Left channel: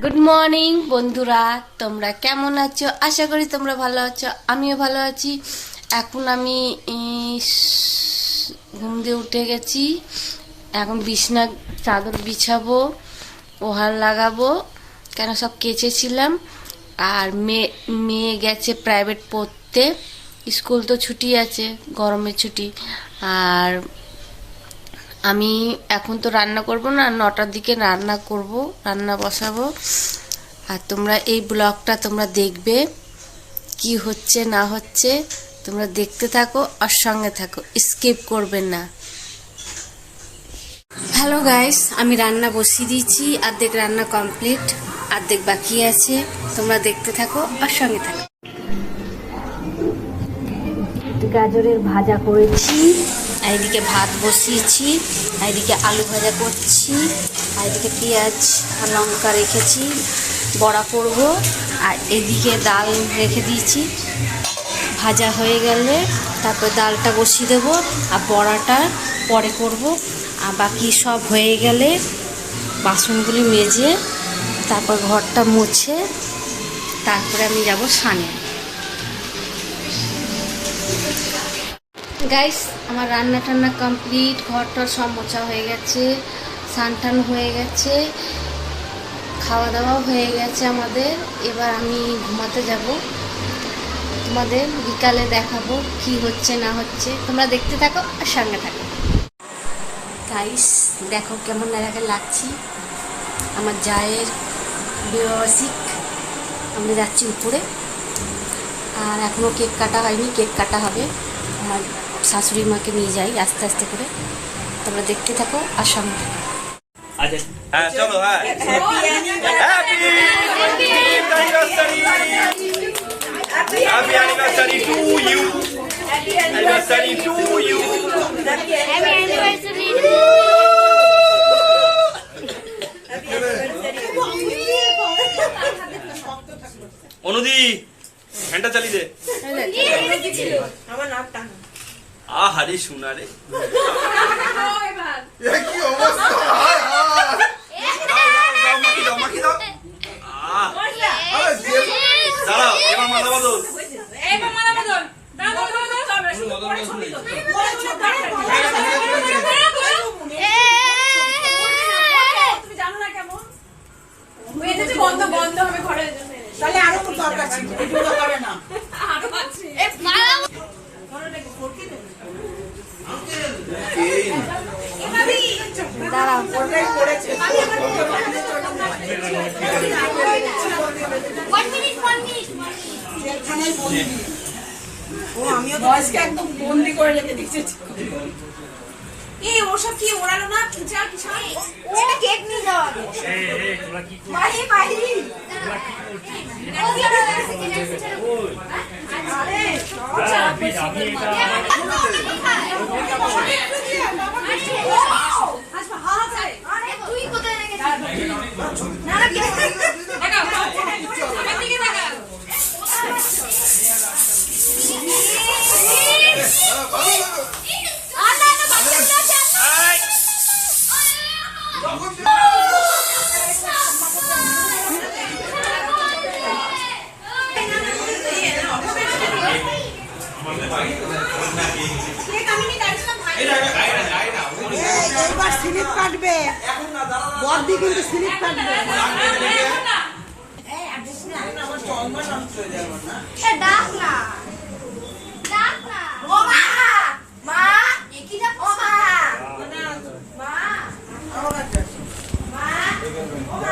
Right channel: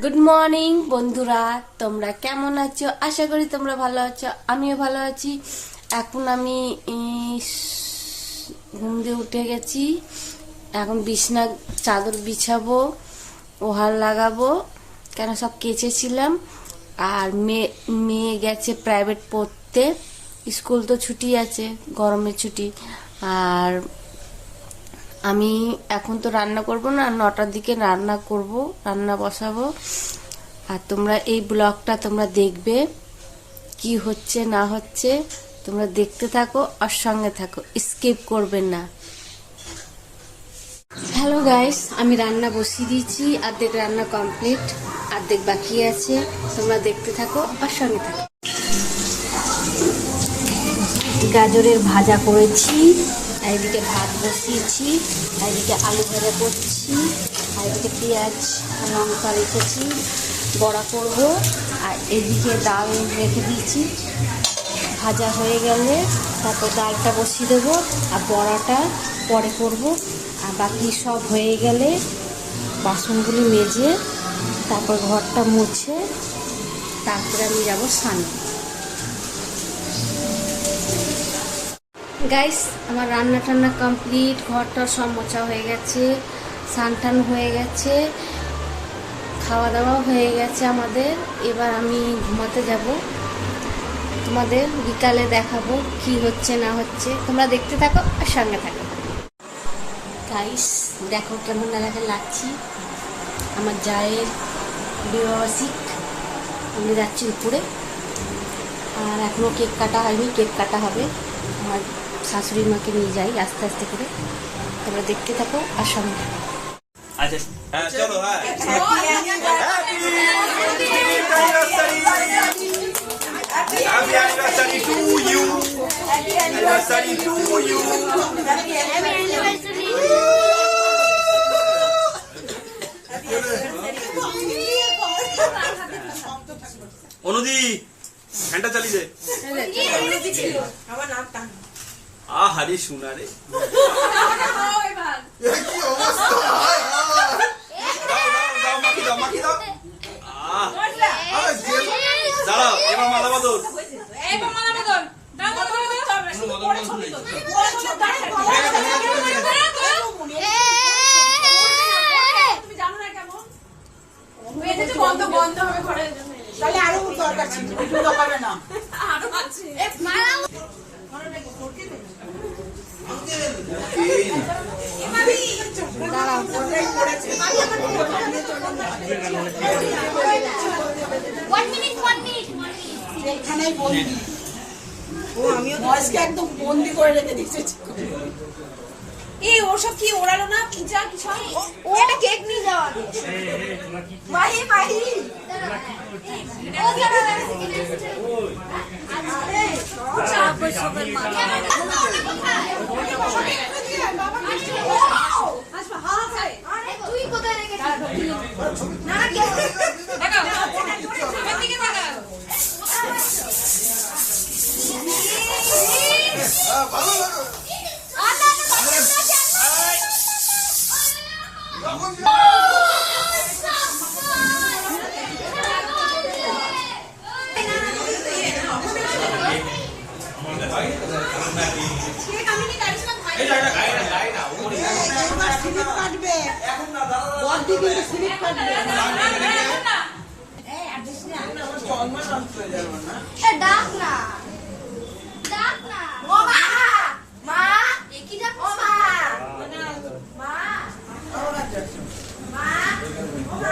Good morning বন্ধুরা, তোমরা কেমন আছো? আশা করি তোমরা ভালো আছো, আমিও ভালো আছি। এখন আমি ঘুম দিয়ে উঠে গেছি। এখন বিছনা চাদর বিছাবো, ওহার লাগাবো, কেন সব কেচেছিলাম। আর মেয়ে গেছে প্রাইভেট পড়তে, স্কুল তো ছুটি আছে, গরমের ছুটি। আর আমি এখন তো রান্না করব না, 9টার দিকে রান্না করব, রান্না বসাবো। আর তোমরা এই ব্লগটা তোমরা দেখবে, কি হচ্ছে না হচ্ছে তোমরা দেখতে থাকো আর সঙ্গে থাকো, স্কিপ করবে না। হ্যালো গাইস, আমি রান্না বসিয়ে দিয়েছি, অর্ধেক রান্না কমপ্লিট, অর্ধেক বাকি আছে। তোমরা দেখতে থাকো আর সঙ্গে থাকো। গাজরের ভাজা করেছি, আর এদিকে ভাত বসিয়েছি, আর এদিকে আলু ভাজা করছি, আর এদিকে পেঁয়াজ আর লঙ্কা রেখেছি, বড়া করব। আর এদিকে ডাল রেখে দিয়েছি, ভাজা হয়ে গেলে তারপর ডালটা বসিয়ে দেবো, আর বড়াটা পরে করব। আর বাকি সব হয়ে গেলে বাসনগুলি মেজে তারপর ঘরটা মুছে তারপরে আমি যাব স্নানে। গাইস, আমার রান্না টান্না কমপ্লিট, ঘরটা সব মোছা হয়ে গেছে, স্নান টান হয়ে গেছে, খাওয়া দাওয়াও হয়ে গেছে আমাদের। এবার আমি ঘুমাতে যাব, তোমাদের বিকালে দেখাবো কি হচ্ছে না হচ্ছে, তোমরা দেখতে থাকো আর সঙ্গে থাকো। গাইস দেখো কেমন লাগছি, আমার জায়ের বিবাহিক। আমরা যাচ্ছি উপরে, আর এখনো কেক কাটা হয়নি, কেক কাটা হবে। আমার শাশুড়ি মাকে নিয়ে যাই আস্তে আস্তে করে, তোমরা দেখতে থাকো আর সঙ্গে থাকো। হ্যাঁ চলো, হ্যাঁ happy anniversary to you, anniversary to you, happy anniversary to you. অনুদি ঘন্টা চালিয়ে দে। আহারে শোনা রে, কি অবস্থা! দাঁড়াও, এবার মালা বদল। দাঁড়াও, একদম বন্দি করে রেখে দিচ্ছে। এই ওসব কি ওড়ালো না, এটা কেক নিয়ে যাওয়া। মাহি মাহি তুই কোথায় রেখেছিস? না না স্লিপ কাটবে, বড়দি কিন্তু স্লিপ কাটবে। ডাক না, ডাক না। ও মা, মা কি ডাক? ও মা, মা, ও মা, ও মা।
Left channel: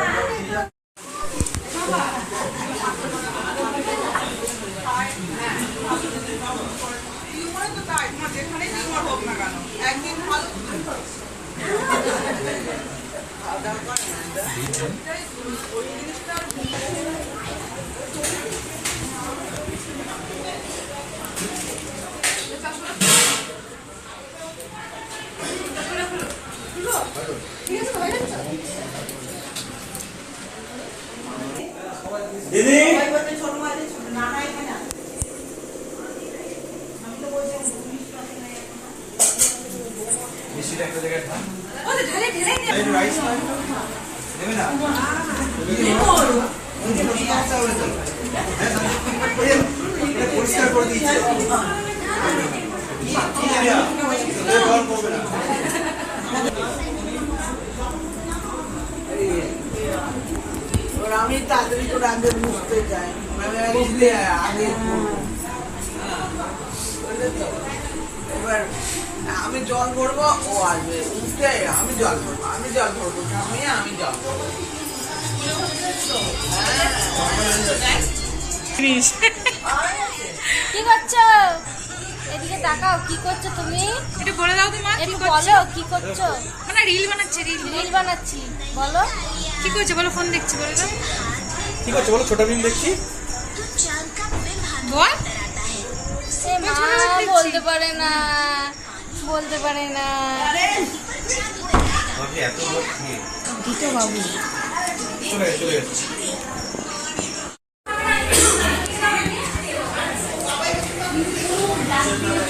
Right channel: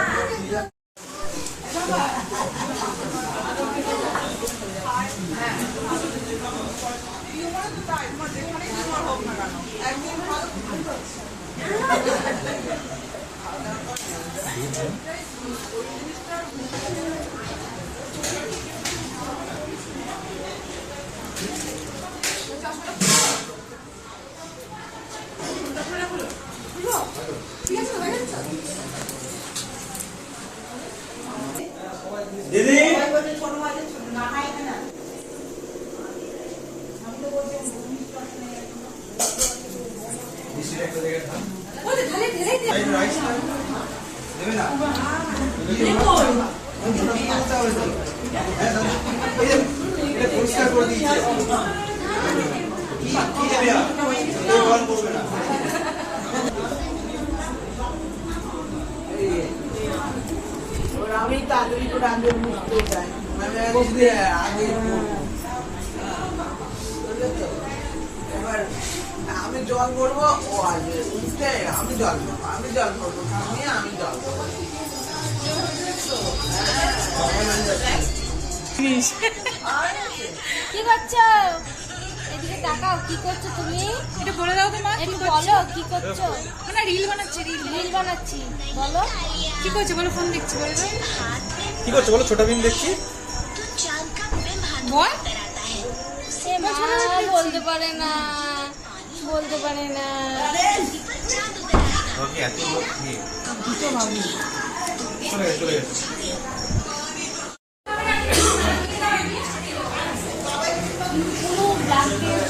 দিদি একটা জায়গায় থাক, দেবে না আমি তাড়াতাড়ি করে আগে বুঝতে চাই মানে বুঝলে আগে করবো। বুঝলে তো? এবার আমি জল ভরবো ও আসবে উঠে আমি জল ভরবো আমি জল ভরবো আমি জল ভরবো কি করছো? এদিকে তাকাও, কি করছো তুমি? একটু বলে দাও তো মা, একটু বলো কি করছো? না রিল বানাচ্ছে, রিল বানাচ্ছি, বলো কি করছে বলো, ফোন দেখছি বলো তো। কি করছো বলো? ছোটা ভীম দেখছি। বল এ মা বলতে পারে না, বলতে পারে না।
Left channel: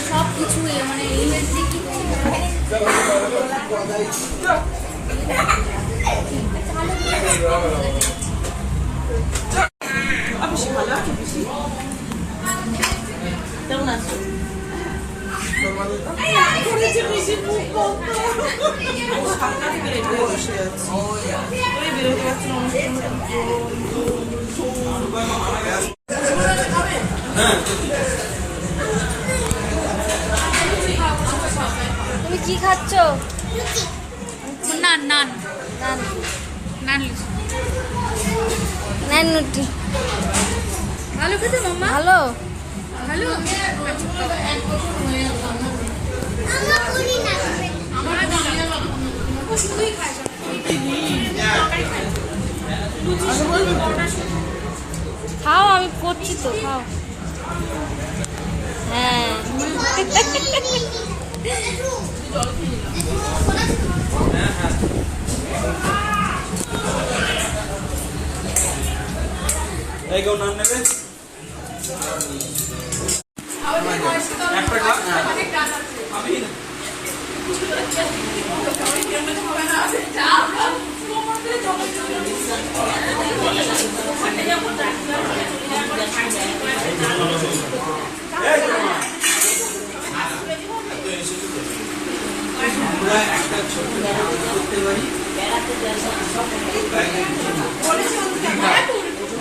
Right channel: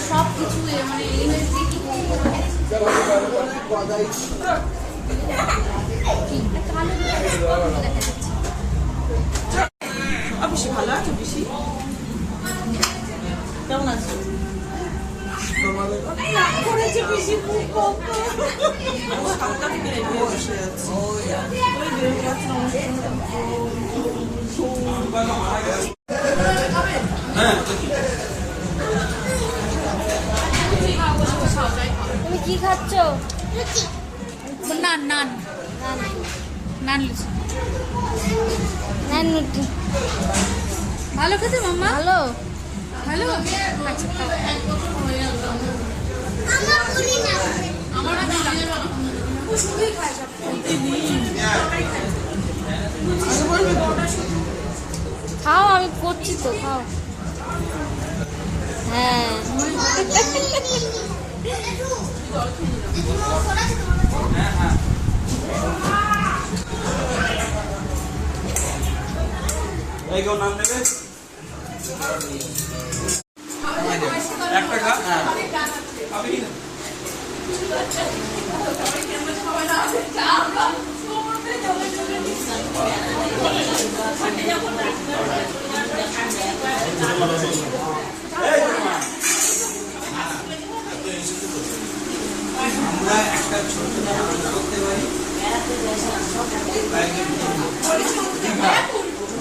সব কিছু মানে বেশি ভালো আছো বেশি কেমন আছো করেছে বেশি মুখ বন্ধ বসে আছে ওই বেরোতে পারছি তুমি কি খাচ্ছ? নান নান নান, নান নান রুটি। ভালো খেতে মাম্মা, ভালো। ভালো। খাও, আমি করছি তো, খাও। হ্যাঁ এই কেউ নাম নেবে? একটা খা। হ্যাঁ। আমি না।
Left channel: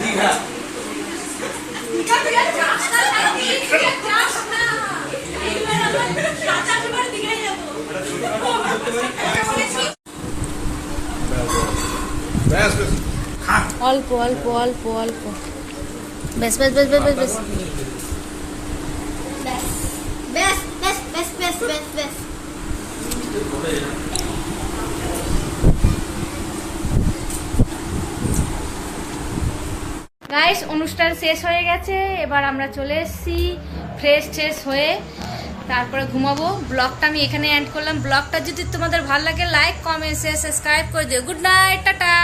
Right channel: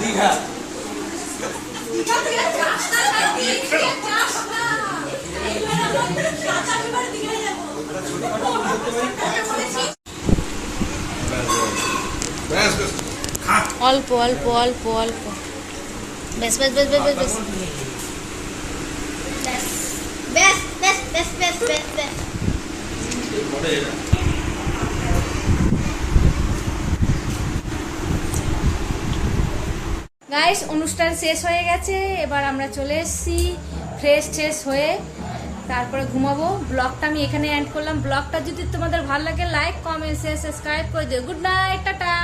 দীঘা অল্প অল্প অল্প অল্প, বেশ বেশ বেশ বেশ বেশ বেশ। গাইস, অনুষ্ঠান শেষ হয়ে গেছে, এবার আমরা চলে এসেছি ফ্রেশ ট্রেশ হয়ে, তারপরে ঘুমাবো। ব্লগটা আমি এখানে এন্ড করলাম। ব্লগটা যদি তোমাদের ভালো লাগে লাইক কমেন্ট শেয়ার সাবস্ক্রাইব করে দিও। Good night, tata.